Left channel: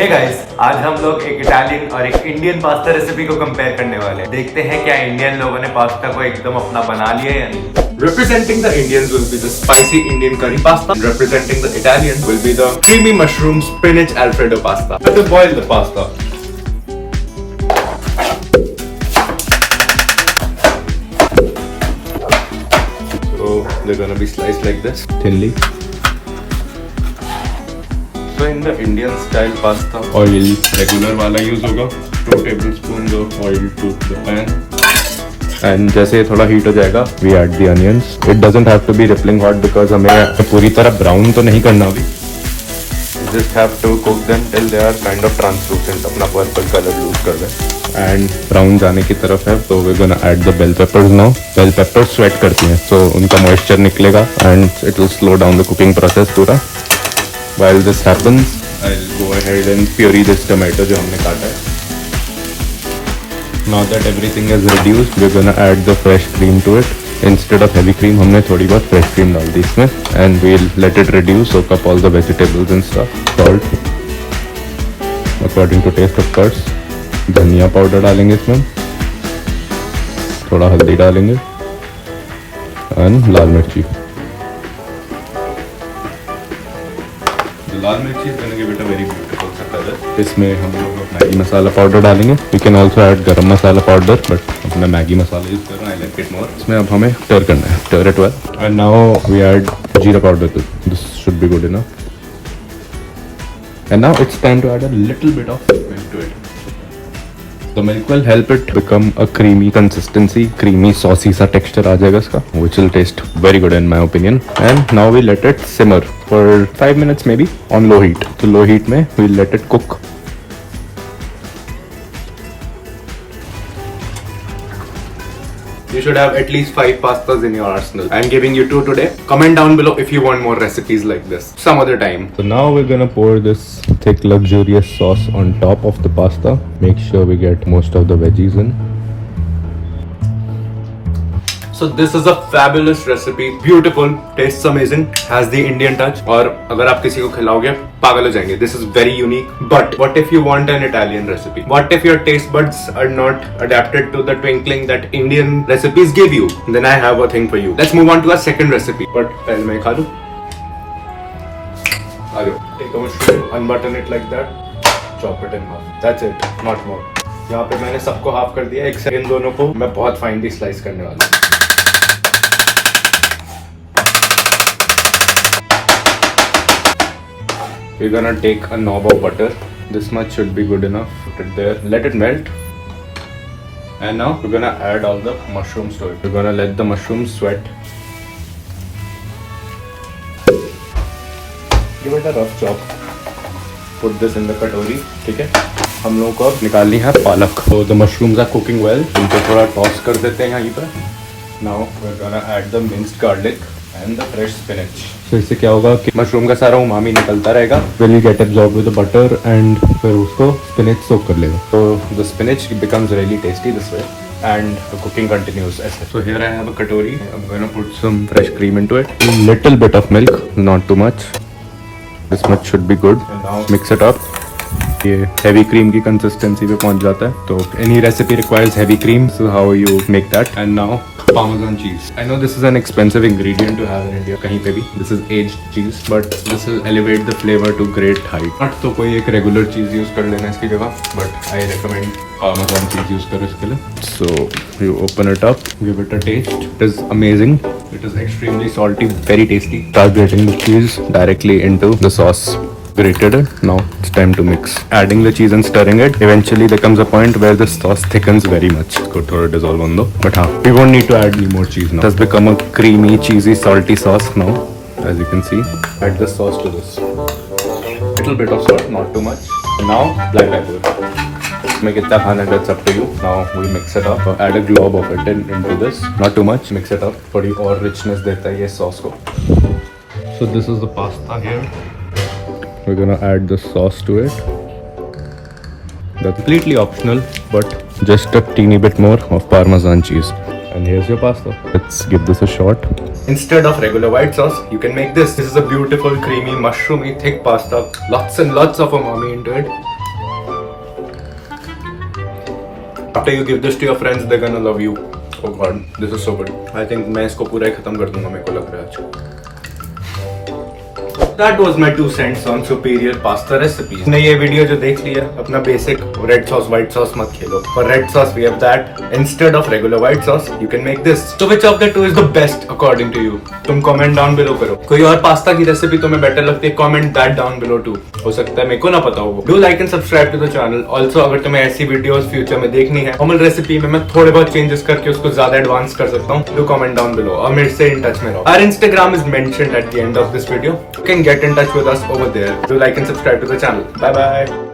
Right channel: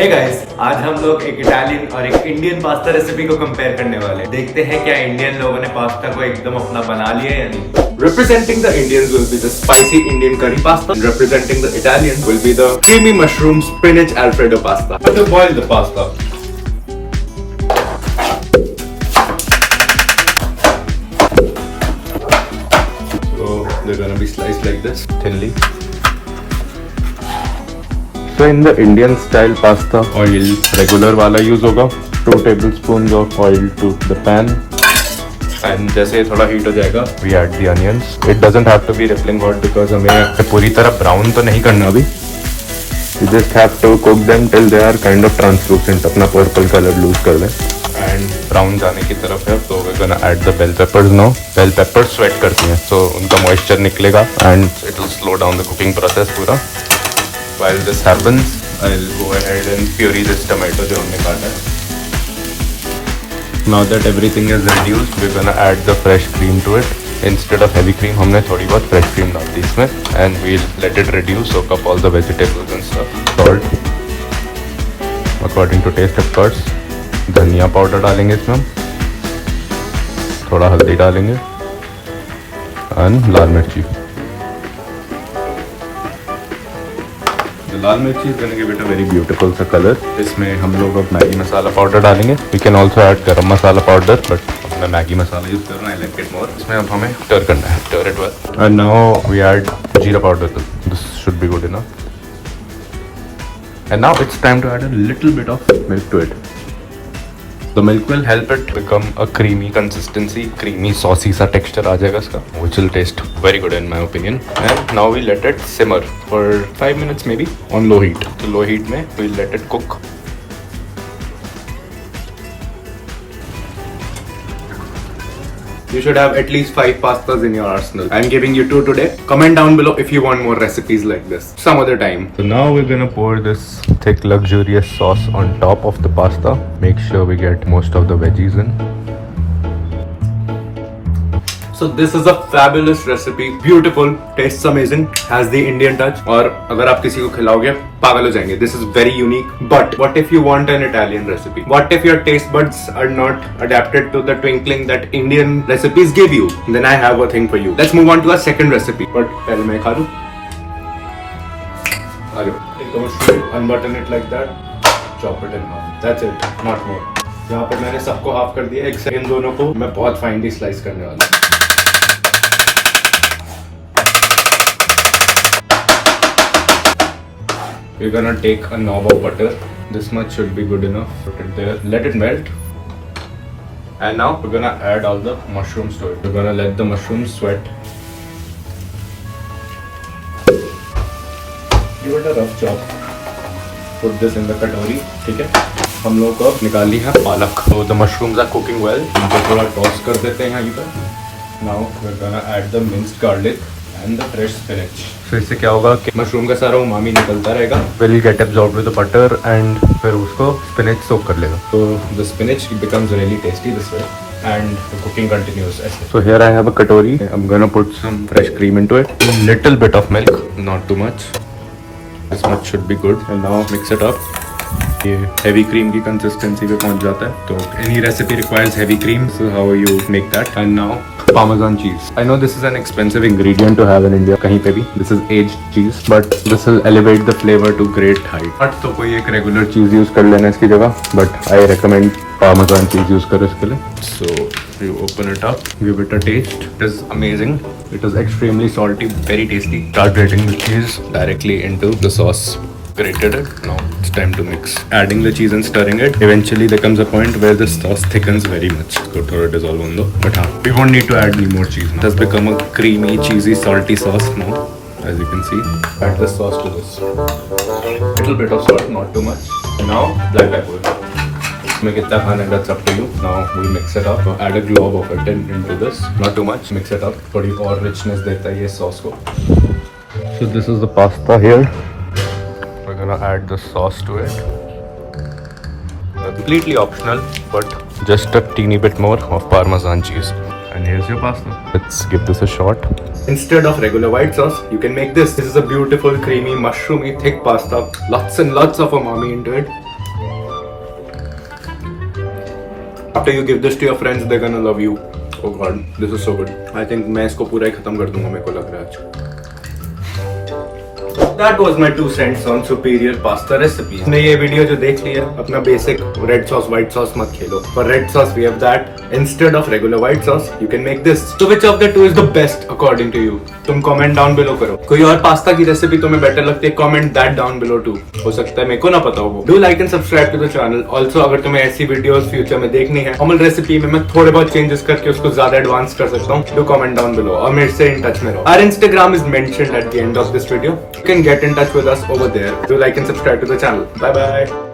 Hey guys, आज हम लोग एक इटालियन और एक इंडियन पास्ता रेसिपी को कंपेयर करने वाले हैं। देखते हैं क्या इंडियन लोगों ने पास्ता को एकदम अपना बना लिया या नहीं। Representing the Indians will be the spicy Indian curry pasta. Representing the Italians will be the creamy mushroom spinach Alfredo pasta. Let us boil the pasta. So they're gonna be sliced like this, thinly. So in the Indian style pasta, oil regular वाला use होगा. 2 tablespoons of oil to the pan. And जैसे ये थोड़ा heat हो जाएगा, we add the onions. It doesn't have to be rippling hot because हमें पूरी तरह ब्राउन तो नहीं करना अभी. You just have to cook them till they are kind of translucent. अपना पर्पल कलर लूज कर लें. And ब्राउन जाने की तरफ है, तो we're gonna add the bell peppers now. Bell peppers sweat करती हैं, so उनका moisture निकलेगा and it will slow down the cooking process पूरा. While this happens, I'll go ahead and puree this tomato जो हमने काटा है. Now that everything is reduced, we're gonna add the fresh cream to it. Instead of heavy cream, हमने थोड़ी बहुत fresh cream डाल दी इसमें, and we'll let it reduce, soak up all the vegetables and stuff. Salt, according to taste of course. धनिया powder डालेंगे इसमें, थोड़ा हल्दी डालेंगे, and लाल मिर्ची. लाल मिर्ची is gonna give it a very beautiful सा कलर. इसमें हम लोग अब मैगी मसाला पाउडर डालेंगे. We can also add गरम मसाला पाउडर, but हमने मैगी मसाला यूज करना है, I like it more. इसमें अब हमें stir करना है, stir it well. And now we add जीरा powder too. This should be good enough. And now it's time to add a little bit of milk to it. The milk will help it become a creamy consistency, creamy saucy सा texture आ जाएगा इसका, which will taste very good in my opinion. And now we let it simmer for 5 minutes maybe on low heat. So low heat में we'll let it cook. You should have at least 5 pastas in your arsenal. I'm giving you 2 today. Comment down below if you want more recipes like this some other time. So now we're gonna pour this thick luxurious sauce on top of the pasta. Make sure we get most of the veggies in. So this is a fabulous recipe. Beautiful, tastes amazing, has the Indian touch. और अगर आप किसी को खिलाओगे पागल हो जाएंगे. This is very unique. But what if you want an Italian recipe? What if your taste buds are not adapted to the twinkling that Indian recipes give you? Then I have a thing for you. Let's move on to our second recipe. But पहले मैं खा लूँ. आगे. Take a mushroom, unbutton it like that. Chop it in half. That's it, not more. यहाँ पे मैंने सबको half कर दिया. एक इन दोनों को मैं बहुत फाइनली स्लाइस करने वाला हूँ. We're gonna take a knob of butter. This much should be good enough. Put it there. Let it melt. And now we're gonna add all the mushrooms to it. We're gonna let the mushrooms sweat. Give it a rough chop. Put this in the katori. ठीक है? हम लोगों को अब निकालनी है पालक. So the mushrooms are cooking well. इनको थोड़ा toss कर देते हैं यहीं पर. Now we're gonna add the minced garlic and the fresh spinach. So इससे क्या होगा कि मशरूम का सारा उमामी निकलता रहेगा. Will get absorbed with the butter and फिर उसको spinach soak कर लेगा. So the spinach becomes really tasty this way and the cooking continues. So here I have a katori. I'm gonna put some fresh cream into it. A little bit of milk, not too much. This much should be good. And now mix it up. ये heavy cream की consistency पे पहुंच जाता है. तो any recipe requires heavy cream. So how you make that? And now Parmesan cheese. I know this is an expensive ingredient to have in India. कहीं पे भी. This is aged cheese, but this will elevate the flavor to great height. But तो कोई एक regular cheese use कर लेना इसकी जगह. But I recommend Parmesan cheese use करो इसके लिए. So you open it up, give it a taste. It is amazing. It is extremely salty, very tasty. Start grating the cheese directly into the sauce. Grated it. Now it's time to mix. Adding the cheese and stirring it. Eventually there comes a point where the sauce thickens very much. Go to dissolve on though. But we won't need to add any more cheese now. It has become a creamy, cheesy, salty sauce now. As you can see. Add the sauce to this. Little bit of salt, not too much. And now black pepper. Make it tap and that's up to you. Now we mix it up. So add a glob of it into this. Not too much. Mix it up. थोड़ी और richness देता है ये sauce को. So this is the pasta here. We're gonna add the sauce to it. That's completely optional, but just a teeny bit more of Parmesan cheese. And here's your pasta. Let's give this a shot. Instead of regular white sauce, you can make this. This is a beautiful, creamy, mushroomy, thick pasta. Lots and lots of umami into it. After you give this to your friends, they're gonna love you. Oh God, this is so good. I think मैं इसको पूरा ही खत्म कर दूंगा, मेरे को लग रहा है आज. That was my 2 cents on superior pasta recipes. ने ये वीडियो जो देख लिया, अपना basic red sauce white sauce मत खेलो. For red sauce we have that. Instead of regular white sauce, you can make this. So which of the two is the best according to you? तुम comment down below करो. कोई और pasta की recipe तुम्हें better लगती है? Comment that down below too. हो सकता है मेरे को ना पता हो वो. Do like and subscribe to the channel. Also अगर तुम्हें ऐसी वीडियोस फ्यूचर में देखनी है, नॉर्मल रेसिपी में मैं थोड़े बहुत चेंजेस करके उसको ज्यादा एडवांस कर सकता हूँ. Do comment down below और मेरे से इन टच में रहो. Our Instagram is mentioned at the end of this video. You can get in touch with us over there. Do like and subscribe to the channel. Bye bye.